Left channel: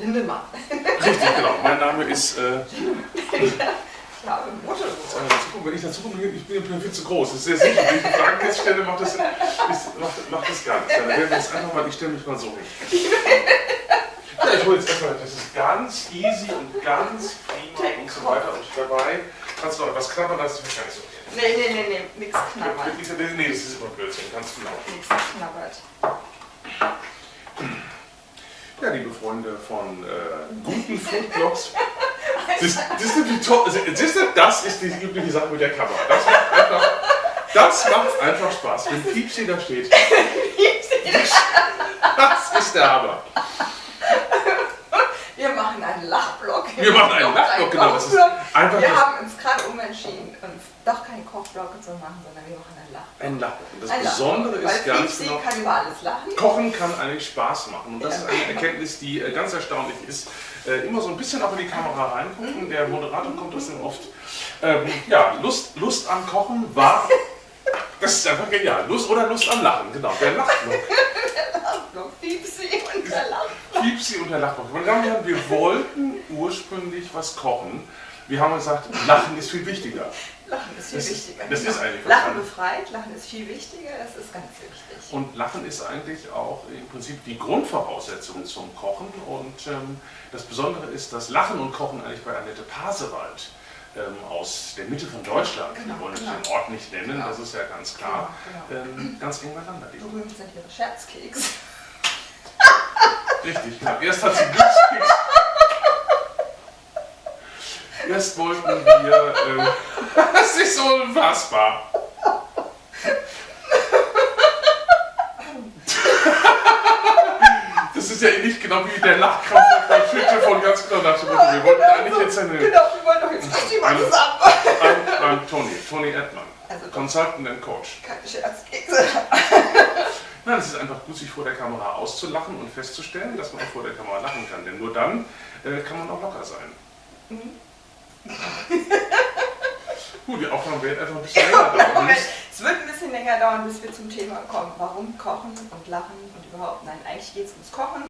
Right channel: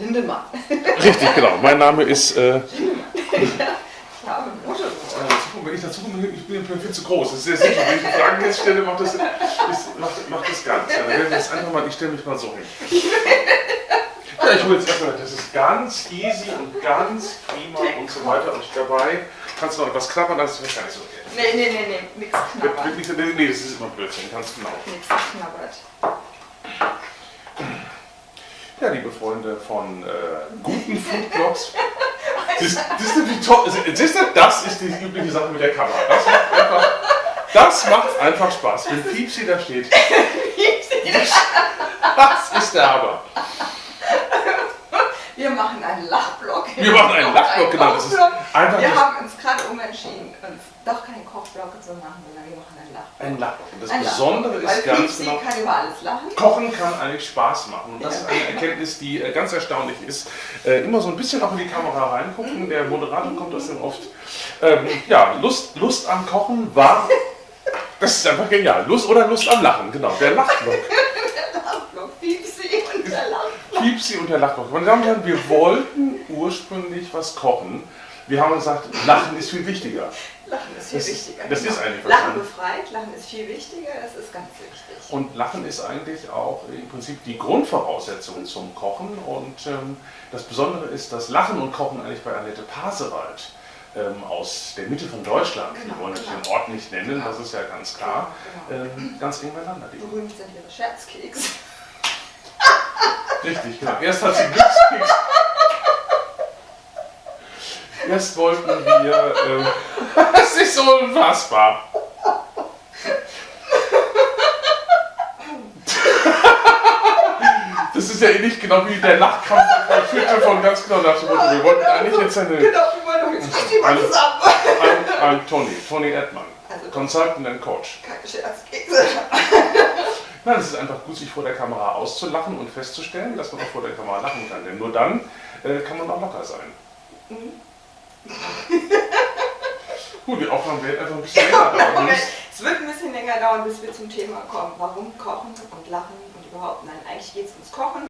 Lindemann. Richtig, genau. Mein Name ist. Ich habe Mutter. Wenn ich dazu komme, ich bin viel zu groß. Das ist sehr sicher. Wenn ich die Fragen jetzt stelle, macht das gar nichts. Dann werden wir jetzt einfach mal, ich stelle mich mal so hin. Ja, ich hole jetzt erstmal, das ist ganz easy und ganz prima und so weiter. Und dabei kannst du noch etwas knabbern, das ist gar nicht so okay. Nee, nichts knabbern. Nee, das ist immer Blödsinn, ganz genau. Nichts knabbert. Ja, liebe Freunde von guten Foodblogs. Das ist die übliche Sache mit der Kamera. Das macht einfach Spaß. Wenn Piepsi da steht. Das ist der Hammer. Wir machen einen Lachblock. Wir machen einen Lachblock, genau. Das ist einfach wir haben uns gerade umentschieden, uns doch keinen Kochblock zu machen, sondern wir machen einen Lachblock. ein Lachblock. Und das Ein Besondere Lachblock, ist weil ganz Piepsi genau, kann über alles lachen. Kochen kann eigentlich Spaß machen. Und das ist eine Erkenntnis, die ganz erstaunlich ist. Immer so ein bisschen auch in die Kamera reingucken. Der Moderator kommt das dann oft. Ja, Lust am Kochen war. Das ist einfach genial. Lust am Lachen, genau. Der Lachblock. Der Lachblock, Piepsi und der Lachblock. Piepsi und der Lachblock. Meine Damen und Herren, wir wollten ursprünglich was kochen. Wir haben gesagt, Lachen ist viel wichtiger. Lachen ist viel wichtiger. Das ist eigentlich Lachen befreit, Lachen ist viel wichtiger, das ist ganz wichtig. Und Lachen ist eigentlich auch im Prinzip die Grundvoraussetzung zum Kochen. Und das Besondere ist, dass Lachen und Kochen eigentlich bei Annette Pasewald aus der Mitte von Deutschland, wir wollen den Ort nicht nennen, das ist ja ganz klar, ganz eng beieinander liegen. Berühmt sind ihre Scherzkeks. Richtig, genau. Erst hat sie Glückskeks. Erst wollten wir, das ist so unfassbar. Das ist ja nicht genau wie der Lachkrampf bei Twitter von ganz genau nach dem Motto. Wir wollten eigentlich jetzt eine. Genau, wir wollen doch jetzt richtig mal zusammen. I'm Tony Edman, Also Consultant and Coach. keine Scherzkekse. Nein, es ist einfach gut, sich vor der Kamera auszulachen und festzustellen, dass man auch vor der Kamera lachen kann. Denn nur dann kann man auch locker sein. Gut, die Aufnahme wird einfach ein bisschen länger dauern. Es wird ein bisschen länger dauern, bis wir zum Thema kommen. Warum Kochen und Lachen und überhaupt? Nein, eigentlich geht es ums Kochen.